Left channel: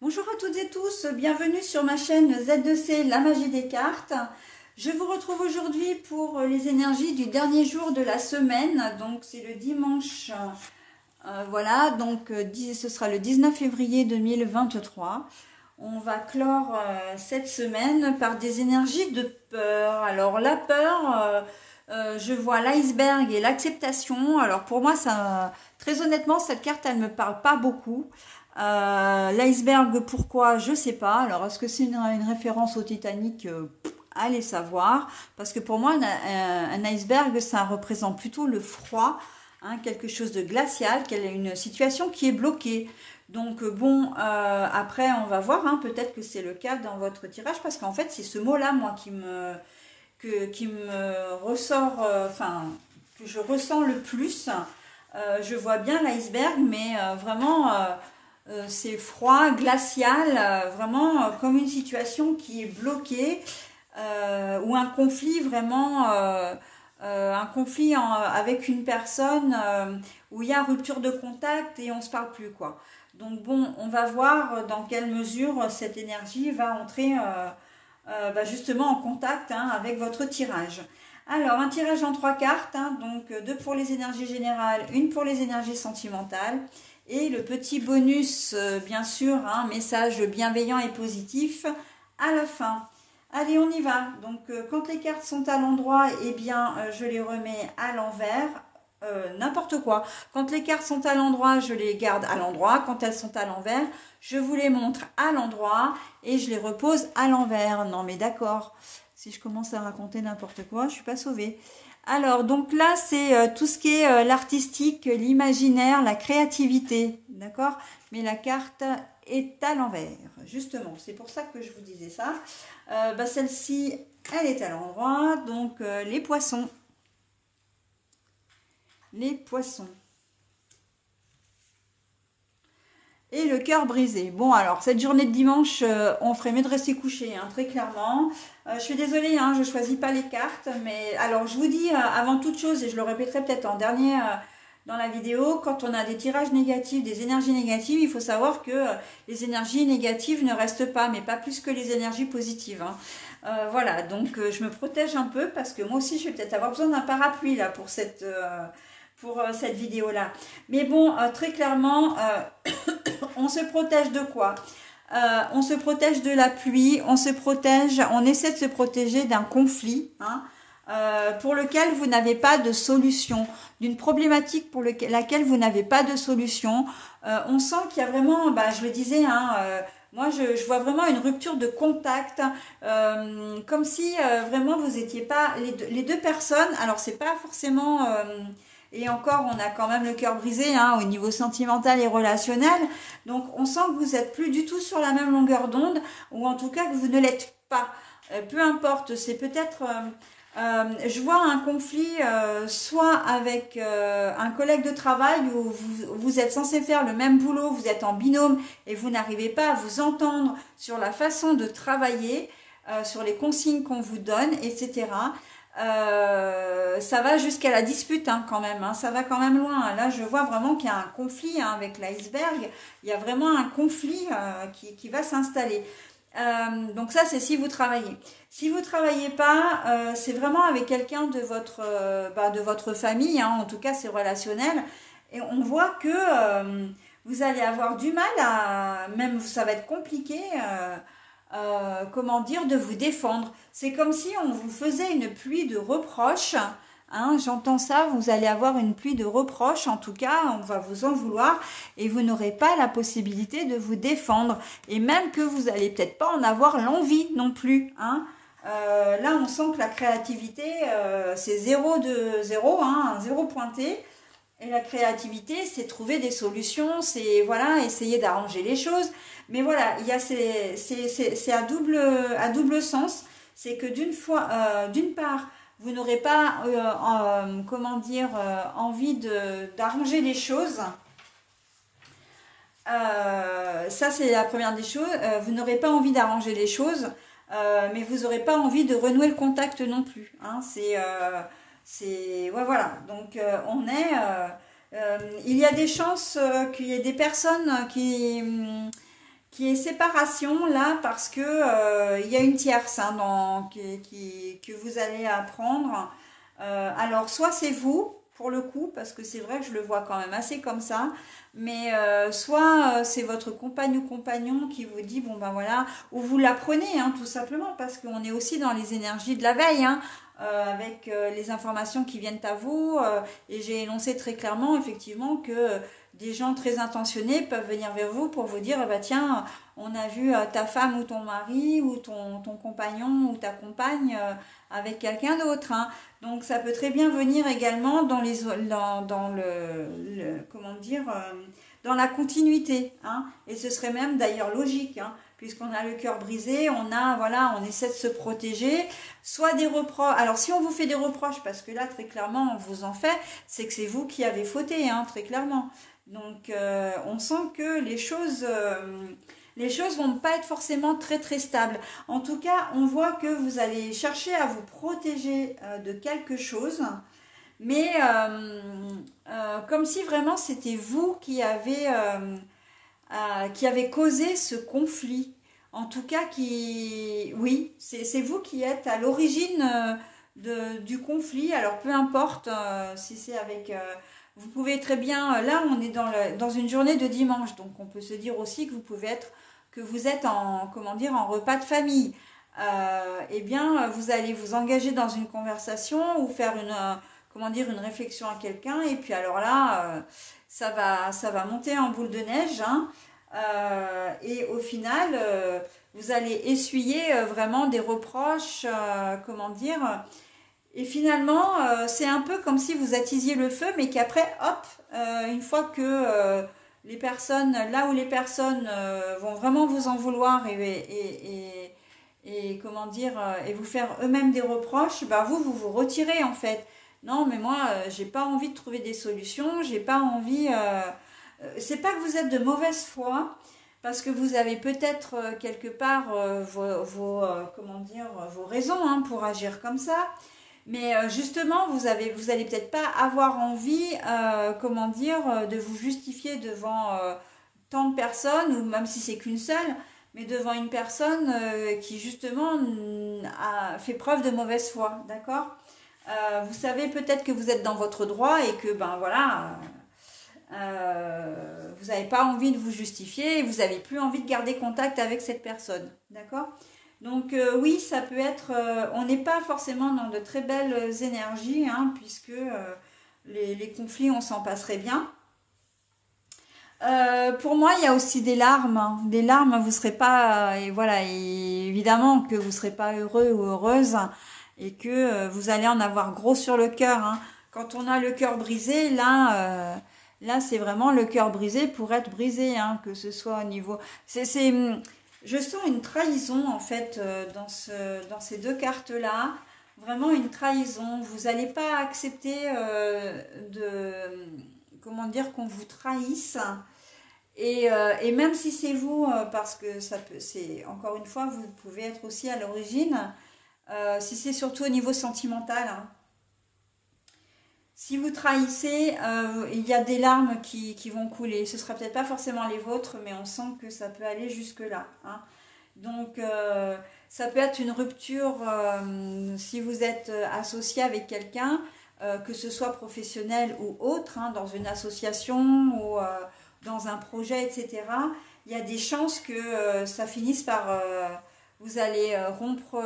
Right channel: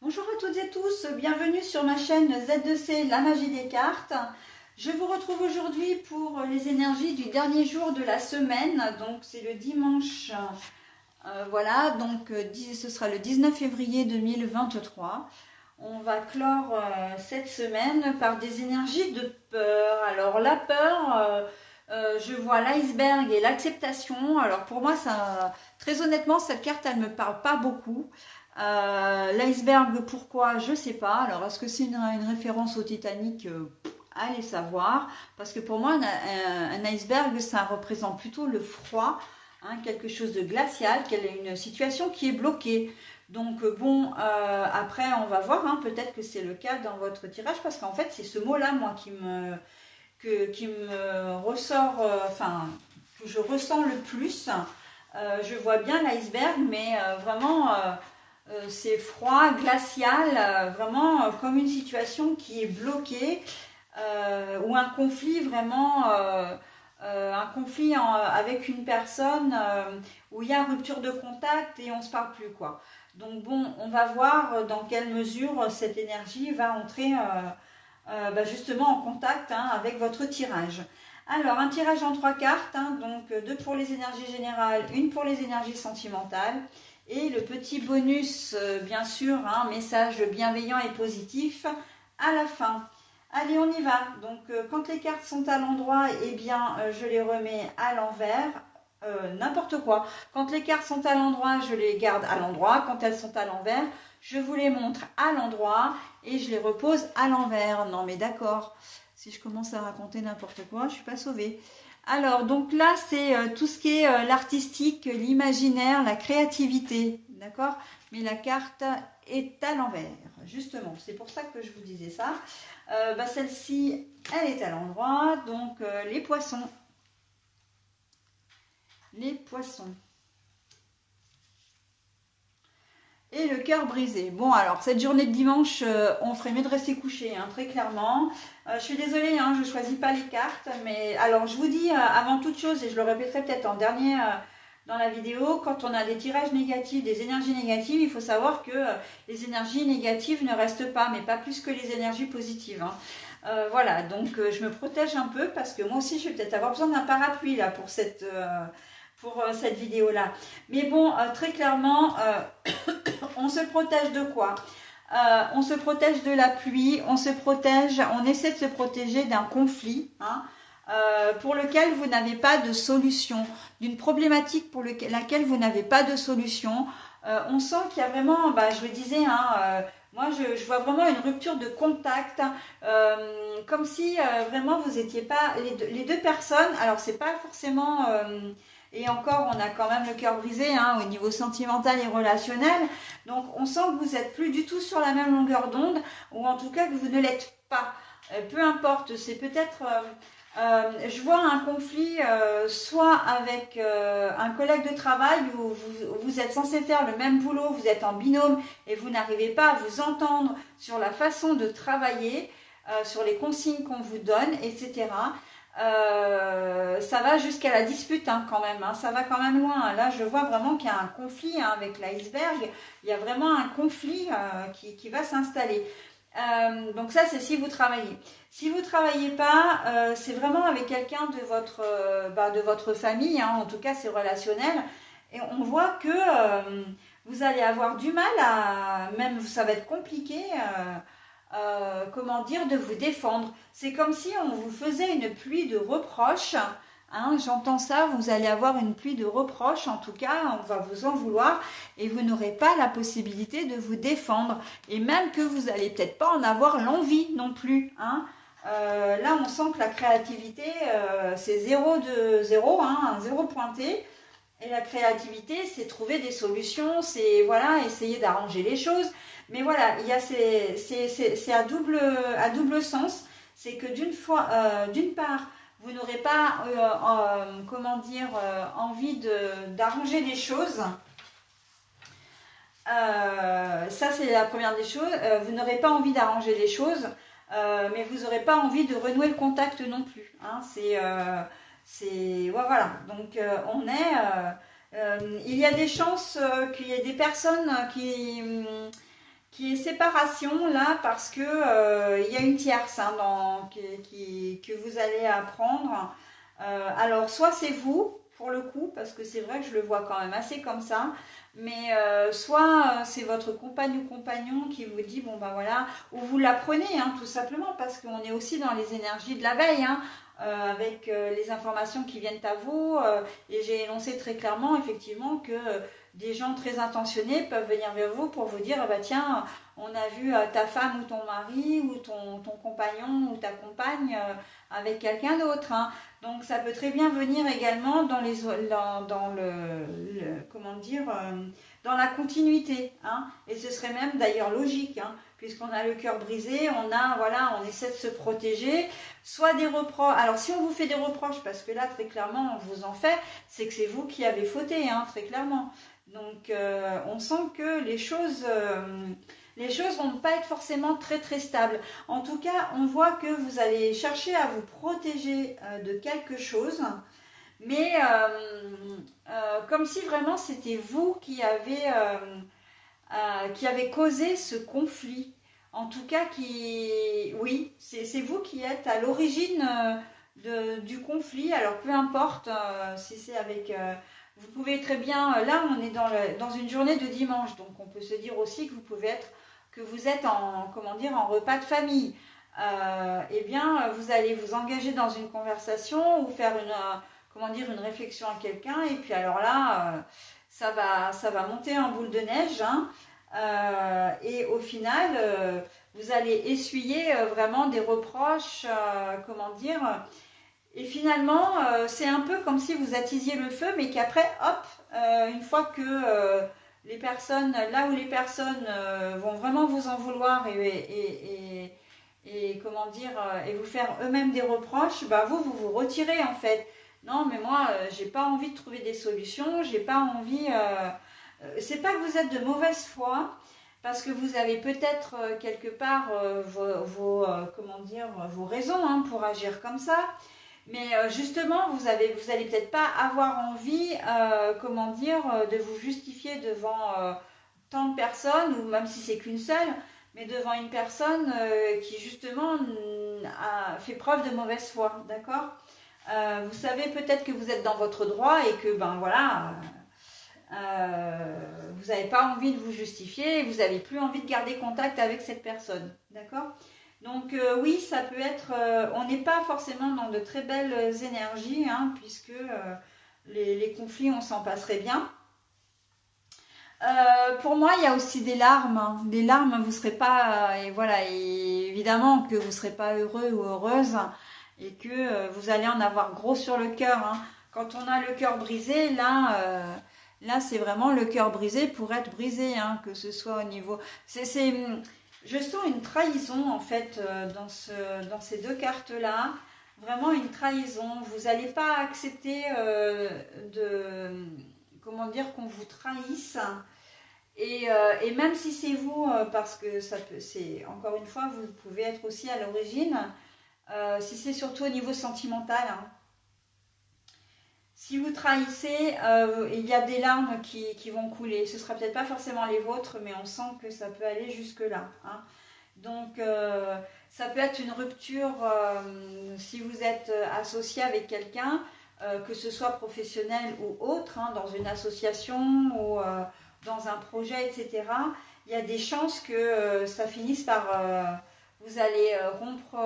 Bonjour à toutes et tous, bienvenue sur ma chaîne Z2C, la magie des cartes. Je vous retrouve aujourd'hui pour les énergies du dernier jour de la semaine, donc c'est le dimanche, voilà, donc ce sera le 19 février 2023. On va clore cette semaine par des énergies de peur. Alors la peur, je vois l'iceberg et l'acceptation. Alors pour moi, ça, très honnêtement, cette carte, elle ne me parle pas beaucoup. L'iceberg, pourquoi? Je sais pas. Alors, est-ce que c'est une référence au Titanic? Allez savoir. Parce que pour moi, un iceberg, ça représente plutôt le froid, hein, quelque chose de glacial, une situation qui est bloquée. Donc, bon, après, on va voir. Hein, peut-être que c'est le cas dans votre tirage, parce qu'en fait, c'est ce mot-là, moi, qui me ressort, enfin, que je ressens le plus. Je vois bien l'iceberg, mais vraiment... c'est froid, glacial, vraiment comme une situation qui est bloquée ou un conflit vraiment, un conflit avec une personne où il y a rupture de contact et on ne se parle plus, quoi. Donc bon, on va voir dans quelle mesure cette énergie va entrer justement en contact, hein, avec votre tirage. Alors, un tirage en 3 cartes, hein, donc 2 pour les énergies générales, 1 pour les énergies sentimentales. Et le petit bonus, bien sûr, un message bienveillant et positif à la fin. Allez, on y va. Donc, quand les cartes sont à l'endroit, eh bien, je les remets à l'envers. N'importe quoi. Quand les cartes sont à l'endroit, je les garde à l'endroit. Quand elles sont à l'envers, je vous les montre à l'endroit et je les repose à l'envers. Non, mais d'accord. Si je commence à raconter n'importe quoi, je ne suis pas sauvée. Alors, donc là, c'est tout ce qui est l'artistique, l'imaginaire, la créativité, d'accord? Mais la carte est à l'envers, justement. C'est pour ça que je vous disais ça. Celle-ci, elle est à l'endroit, donc les poissons. Les poissons. Et le cœur brisé. Bon, alors, cette journée de dimanche, on ferait mieux de rester couché, hein, très clairement. Je suis désolée, hein, je ne choisis pas les cartes. Mais alors, je vous dis, avant toute chose, et je le répéterai peut-être en dernier dans la vidéo, quand on a des tirages négatifs, des énergies négatives, il faut savoir que les énergies négatives ne restent pas, mais pas plus que les énergies positives, hein. Voilà, donc je me protège un peu parce que moi aussi, je vais peut-être avoir besoin d'un parapluie là pour cette vidéo-là. Mais bon, très clairement, on se protège de quoi? On se protège de la pluie, on essaie de se protéger d'un conflit, hein, pour lequel vous n'avez pas de solution, d'une problématique pour laquelle vous n'avez pas de solution. On sent qu'il y a vraiment, je le disais, hein, moi je vois vraiment une rupture de contact, comme si vraiment vous n'étiez pas, les deux personnes, alors c'est pas forcément... et encore, on a quand même le cœur brisé, hein, au niveau sentimental et relationnel. Donc, on sent que vous n'êtes plus du tout sur la même longueur d'onde, ou en tout cas que vous ne l'êtes pas. Peu importe, c'est peut-être... je vois un conflit soit avec un collègue de travail où vous êtes censé faire le même boulot, vous êtes en binôme et vous n'arrivez pas à vous entendre sur la façon de travailler, sur les consignes qu'on vous donne, etc. Ça va jusqu'à la dispute, hein, quand même, hein, ça va quand même loin. Là, je vois vraiment qu'il y a un conflit, hein, avec l'iceberg. Il y a vraiment un conflit qui va s'installer. Donc ça, c'est si vous travaillez. Si vous ne travaillez pas, c'est vraiment avec quelqu'un de votre famille, hein, en tout cas, c'est relationnel. Et on voit que vous allez avoir du mal même ça va être compliqué, comment dire, de vous défendre. C'est comme si on vous faisait une pluie de reproches, hein, j'entends ça, vous allez avoir une pluie de reproches, en tout cas, on va vous en vouloir et vous n'aurez pas la possibilité de vous défendre. Et même que vous n'allez peut-être pas en avoir l'envie non plus, hein. Là, on sent que la créativité, c'est 0 de 0, hein, 0 pointé. Et la créativité, c'est trouver des solutions, c'est voilà, essayer d'arranger les choses. Mais voilà, il y a c'est à double sens. C'est que d'une part, vous n'aurez pas, comment dire, envie d'arranger les choses. Ça, c'est la première des choses. Vous n'aurez pas envie d'arranger les choses, mais vous n'aurez pas envie de renouer le contact non plus, hein. Ouais, voilà. Donc, il y a des chances qu'il y ait des personnes qui est séparation là parce que il y a une tierce hein, que vous allez apprendre. Alors soit c'est vous pour le coup, parce que c'est vrai que je le vois quand même assez comme ça, mais soit c'est votre compagne ou compagnon qui vous dit bon ben voilà, ou vous l'apprenez hein, tout simplement, parce qu'on est aussi dans les énergies de la veille, hein, avec les informations qui viennent à vous, et j'ai énoncé très clairement effectivement que des gens très intentionnés peuvent venir vers vous pour vous dire bah tiens, on a vu ta femme ou ton mari ou ton compagnon ou ta compagne avec quelqu'un d'autre. Hein. Donc ça peut très bien venir également dans comment dire, dans la continuité. Hein. Et ce serait même d'ailleurs logique, hein, puisqu'on a le cœur brisé, on essaie de se protéger, soit des reproches. Alors si on vous fait des reproches, parce que là très clairement on vous en fait, c'est que c'est vous qui avez fauté, hein, très clairement. Donc on sent que les choses vont pas être forcément très très stables. En tout cas, on voit que vous allez chercher à vous protéger de quelque chose, mais comme si vraiment c'était vous qui avez causé ce conflit. En tout cas, oui, c'est vous qui êtes à l'origine du conflit. Alors peu importe si c'est avec... vous pouvez très bien... Là, on est dans une journée de dimanche, donc on peut se dire aussi que vous êtes en, comment dire, en repas de famille. Eh bien, vous allez vous engager dans une conversation ou faire comment dire, une réflexion à quelqu'un. Et puis alors là, ça va monter en boule de neige. Hein, et au final, vous allez essuyer vraiment des reproches, comment dire. Et finalement, c'est un peu comme si vous attisiez le feu, mais qu'après, hop, une fois que... les personnes, là où les personnes vont vraiment vous en vouloir et comment dire, et vous faire eux-mêmes des reproches, bah vous retirez en fait. Non, mais moi, j'ai pas envie de trouver des solutions, j'ai pas envie... c'est pas que vous êtes de mauvaise foi, parce que vous avez peut-être quelque part comment dire, vos raisons hein, pour agir comme ça. Mais justement, vous allez peut-être pas avoir envie, comment dire, de vous justifier devant tant de personnes, ou même si c'est qu'une seule, mais devant une personne qui justement a fait preuve de mauvaise foi, d'accord? Vous savez peut-être que vous êtes dans votre droit et que, ben voilà, vous n'avez pas envie de vous justifier, et vous n'avez plus envie de garder contact avec cette personne, d'accord? Donc oui, ça peut être, on n'est pas forcément dans de très belles énergies, hein, puisque les conflits, on s'en passerait bien. Pour moi, il y a aussi des larmes. Hein. Des larmes, vous ne serez pas, et voilà, et évidemment que vous ne serez pas heureux ou heureuse, et que vous allez en avoir gros sur le cœur. Hein. Quand on a le cœur brisé, là c'est vraiment le cœur brisé pour être brisé, hein, que ce soit au niveau... Je sens une trahison en fait dans ces deux cartes-là, vraiment une trahison. Vous n'allez pas accepter comment dire, qu'on vous trahisse. Et même si c'est vous, parce que c'est encore une fois, vous pouvez être aussi à l'origine, si c'est surtout au niveau sentimental. Hein. Si vous trahissez, il y a des larmes qui vont couler. Ce ne sera peut-être pas forcément les vôtres, mais on sent que ça peut aller jusque-là. Hein. Donc, ça peut être une rupture si vous êtes associé avec quelqu'un, que ce soit professionnel ou autre, hein, dans une association ou dans un projet, etc. Il y a des chances que ça finisse par... vous allez rompre,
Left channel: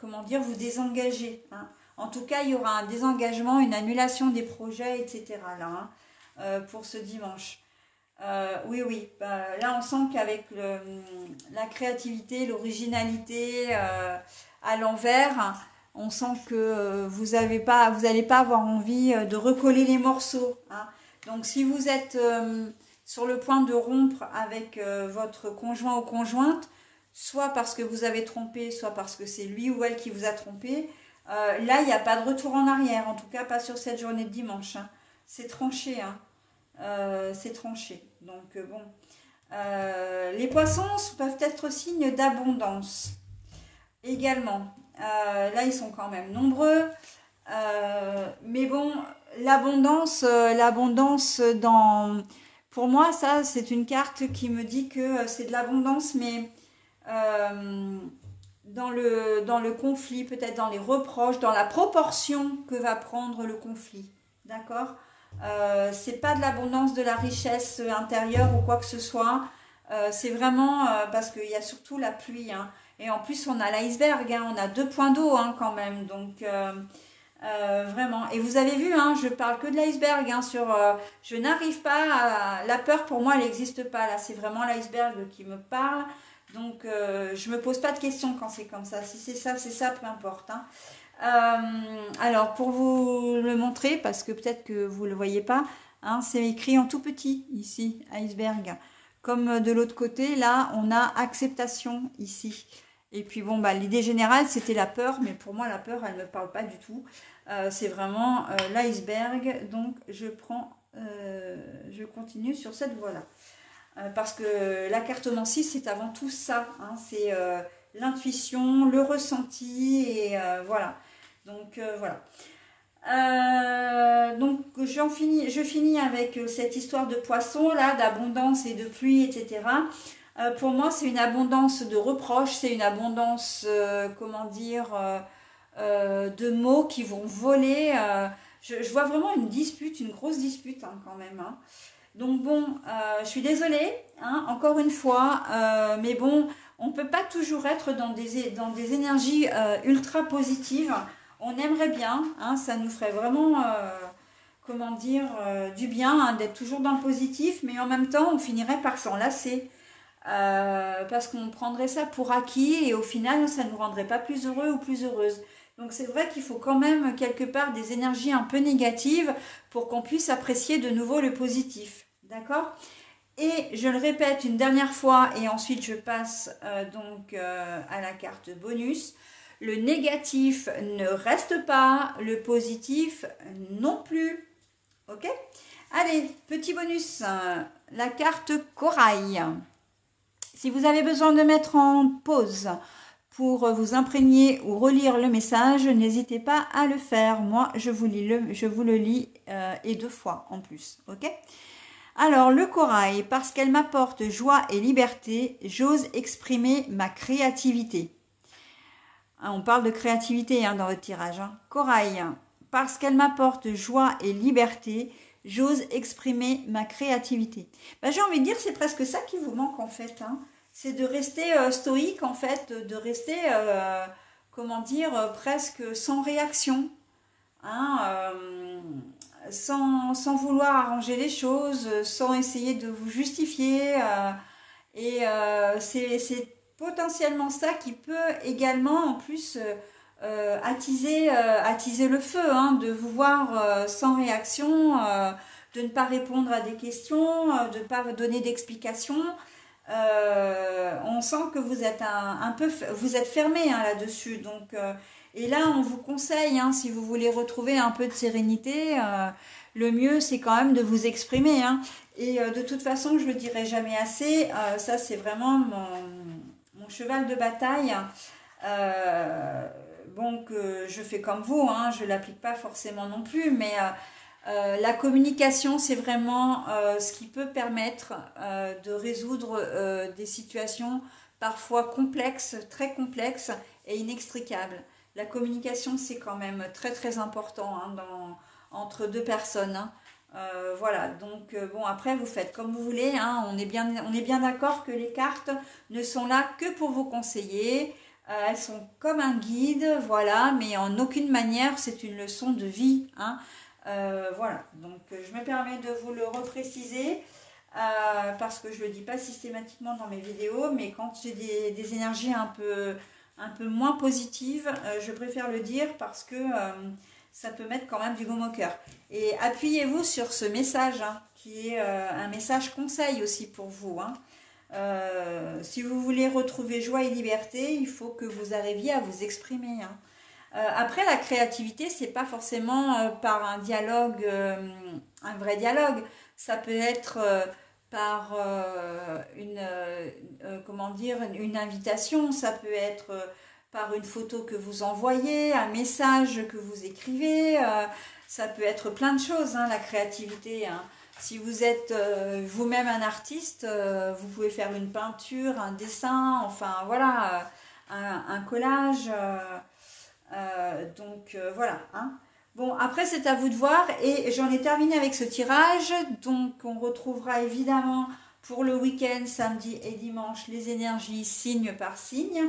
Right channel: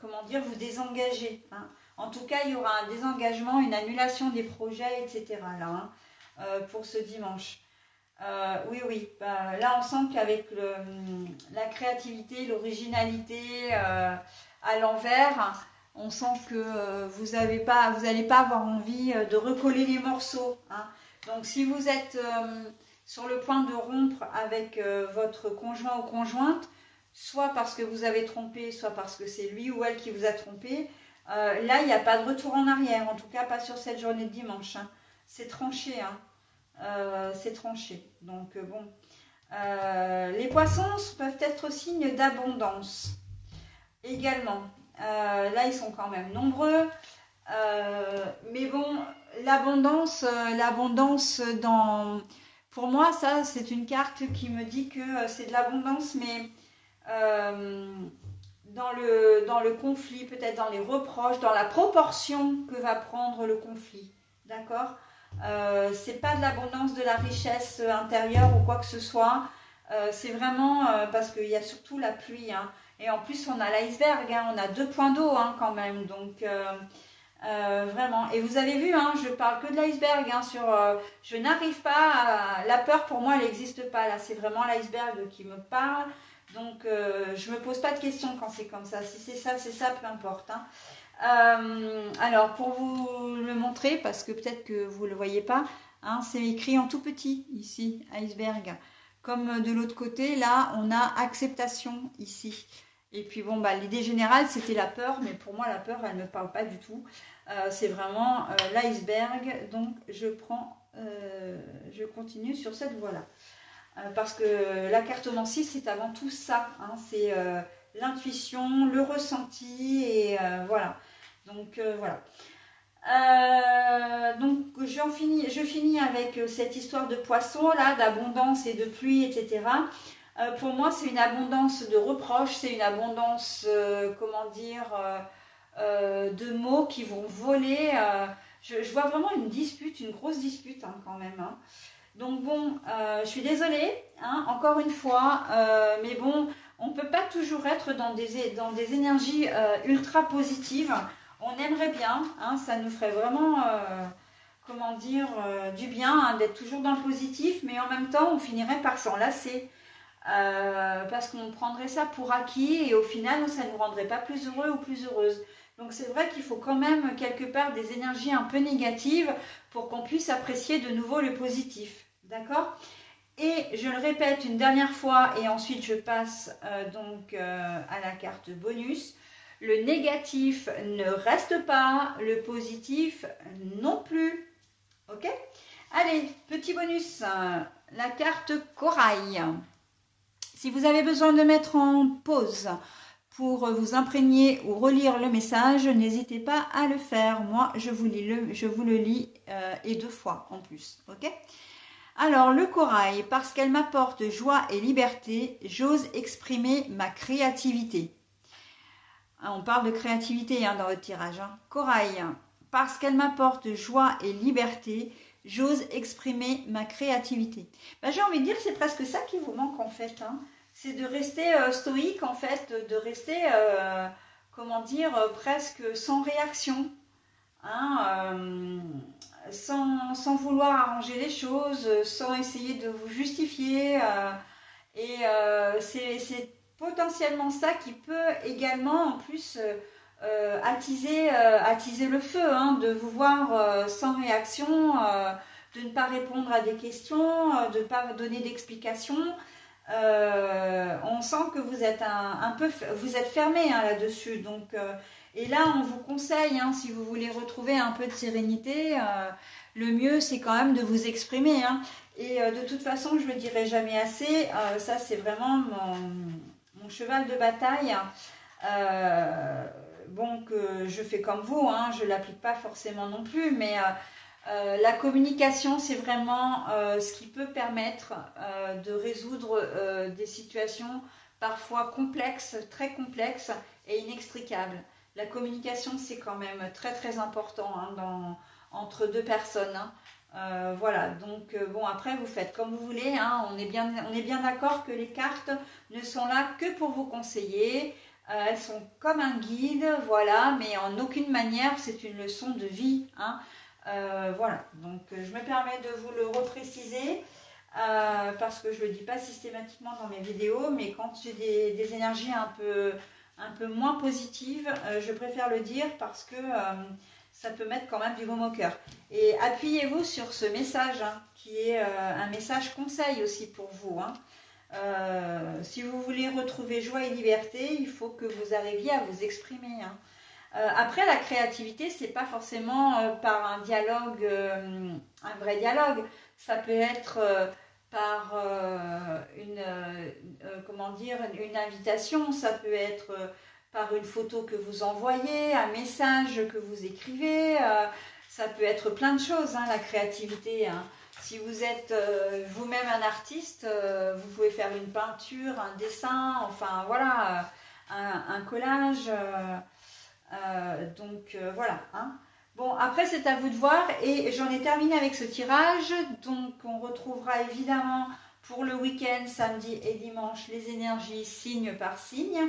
comment dire, vous désengager, hein. En tout cas, il y aura un désengagement, une annulation des projets, etc. là, hein, pour ce dimanche. Oui. Là, on sent qu'avec la créativité, l'originalité à l'envers, on sent que vous n'allez pas avoir envie de recoller les morceaux. Hein. Donc, si vous êtes sur le point de rompre avec votre conjoint ou conjointe, soit parce que vous avez trompé, soit parce que c'est lui ou elle qui vous a trompé, là, il n'y a pas de retour en arrière, en tout cas pas sur cette journée de dimanche. Hein. C'est tranché, hein. C'est tranché. Donc bon, les poissons peuvent être signes d'abondance également. Là, ils sont quand même nombreux. Mais bon, l'abondance dans... Pour moi, ça, c'est une carte qui me dit que c'est de l'abondance, mais dans le conflit, peut-être dans les reproches, dans la proportion que va prendre le conflit. D'accord? C'est pas de l'abondance, de la richesse intérieure ou quoi que ce soit. C'est vraiment parce qu'il y a surtout la pluie. Hein. Et en plus, on a l'iceberg. Hein, on a 2 points d'eau hein, quand même. Donc, vraiment. Et vous avez vu, hein, je parle que de l'iceberg. Hein, je n'arrive pas à... La peur, pour moi, elle n'existe pas. Là, c'est vraiment l'iceberg qui me parle. Donc, je me pose pas de questions quand c'est comme ça. Si c'est ça, peu importe. Hein. Alors, pour vous le montrer, parce que peut-être que vous ne le voyez pas, hein, c'est écrit en tout petit, ici, iceberg. Comme de l'autre côté, là, on a acceptation, ici. Et puis, bon, bah, l'idée générale, c'était la peur, mais pour moi, la peur, elle ne me parle pas du tout. C'est vraiment l'iceberg. Donc, je continue sur cette voie-là. Parce que la cartomancie, c'est avant tout ça. Hein, c'est l'intuition, le ressenti, et voilà. Donc, voilà. Donc, je finis avec cette histoire de poisson, là, d'abondance et de pluie, etc. Pour moi, c'est une abondance de reproches, c'est une abondance, comment dire, de mots qui vont voler. Je vois vraiment une dispute, une grosse dispute hein, quand même. Hein. Donc bon, je suis désolée, hein, encore une fois, mais bon, on ne peut pas toujours être dans des énergies ultra positives. On aimerait bien, hein, ça nous ferait vraiment, comment dire, du bien hein, d'être toujours dans le positif, mais en même temps, on finirait par s'en lasser. Parce qu'on prendrait ça pour acquis et au final, ça ne nous rendrait pas plus heureux ou plus heureuse. Donc c'est vrai qu'il faut quand même quelque part des énergies un peu négatives pour qu'on puisse apprécier de nouveau le positif. D'accord? Et je le répète une dernière fois et ensuite je passe donc à la carte bonus. Le négatif ne reste pas, le positif non plus. Ok? Allez, petit bonus, la carte corail. Si vous avez besoin de mettre en pause pour vous imprégner ou relire le message, n'hésitez pas à le faire. Moi, je vous le lis et 2 fois en plus. Ok? Alors, le corail, parce qu'elle m'apporte joie et liberté, j'ose exprimer ma créativité. On parle de créativité hein, dans votre tirage. Hein. Corail, parce qu'elle m'apporte joie et liberté, j'ose exprimer ma créativité. Ben, j'ai envie de dire, c'est presque ça qui vous manque en fait. Hein. C'est de rester stoïque en fait, de rester, comment dire, presque sans réaction. Hein, sans vouloir arranger les choses, sans essayer de vous justifier. C'est potentiellement ça qui peut également en plus attiser le feu, hein, de vous voir sans réaction, de ne pas répondre à des questions, de ne pas donner d'explications. On sent que vous êtes vous êtes fermé hein, là-dessus. Donc, et là, on vous conseille, hein, si vous voulez retrouver un peu de sérénité, le mieux c'est quand même de vous exprimer. Hein. Et de toute façon, je ne le dirai jamais assez, ça c'est vraiment mon cheval de bataille. Bon, que je fais comme vous, hein, je ne l'applique pas forcément non plus, mais la communication, c'est vraiment ce qui peut permettre de résoudre des situations parfois complexes, très complexes et inextricables. La communication, c'est quand même très très important hein, entre 2 personnes. Hein. Voilà, donc bon, après vous faites comme vous voulez, hein, on est bien d'accord que les cartes ne sont là que pour vous conseiller, elles sont comme un guide, voilà, mais en aucune manière c'est une leçon de vie, hein. Voilà, donc je me permets de vous le repréciser parce que je ne le dis pas systématiquement dans mes vidéos, mais quand j'ai des énergies un peu moins positives, je préfère le dire parce que ça peut mettre quand même du baume au cœur. Et appuyez-vous sur ce message hein, qui est un message conseil aussi pour vous. Hein. Si vous voulez retrouver joie et liberté, il faut que vous arriviez à vous exprimer. Hein. Après, la créativité, c'est pas forcément par un dialogue, un vrai dialogue. Ça peut être par comment dire, une invitation. Ça peut être par une photo que vous envoyez, un message que vous écrivez. Ça peut être plein de choses, hein, la créativité. Hein. Si vous êtes vous-même un artiste, vous pouvez faire une peinture, un dessin, enfin voilà, un collage. Voilà. Hein. Bon, après c'est à vous de voir et j'en ai terminé avec ce tirage. Donc on retrouvera évidemment pour le week-end, samedi et dimanche, les énergies signe par signe.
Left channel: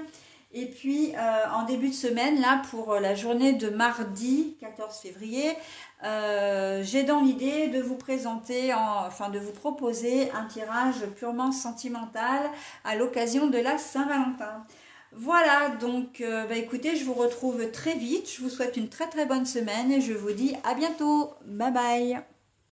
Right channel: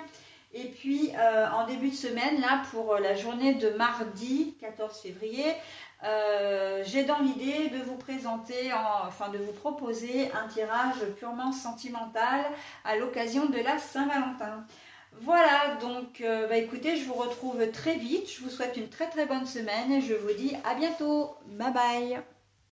Et puis en début de semaine, là pour la journée de mardi 14 février, j'ai dans l'idée de vous présenter, enfin de vous proposer un tirage purement sentimental à l'occasion de la Saint-Valentin. Voilà, donc écoutez, je vous retrouve très vite. Je vous souhaite une très très bonne semaine et je vous dis à bientôt. Bye bye.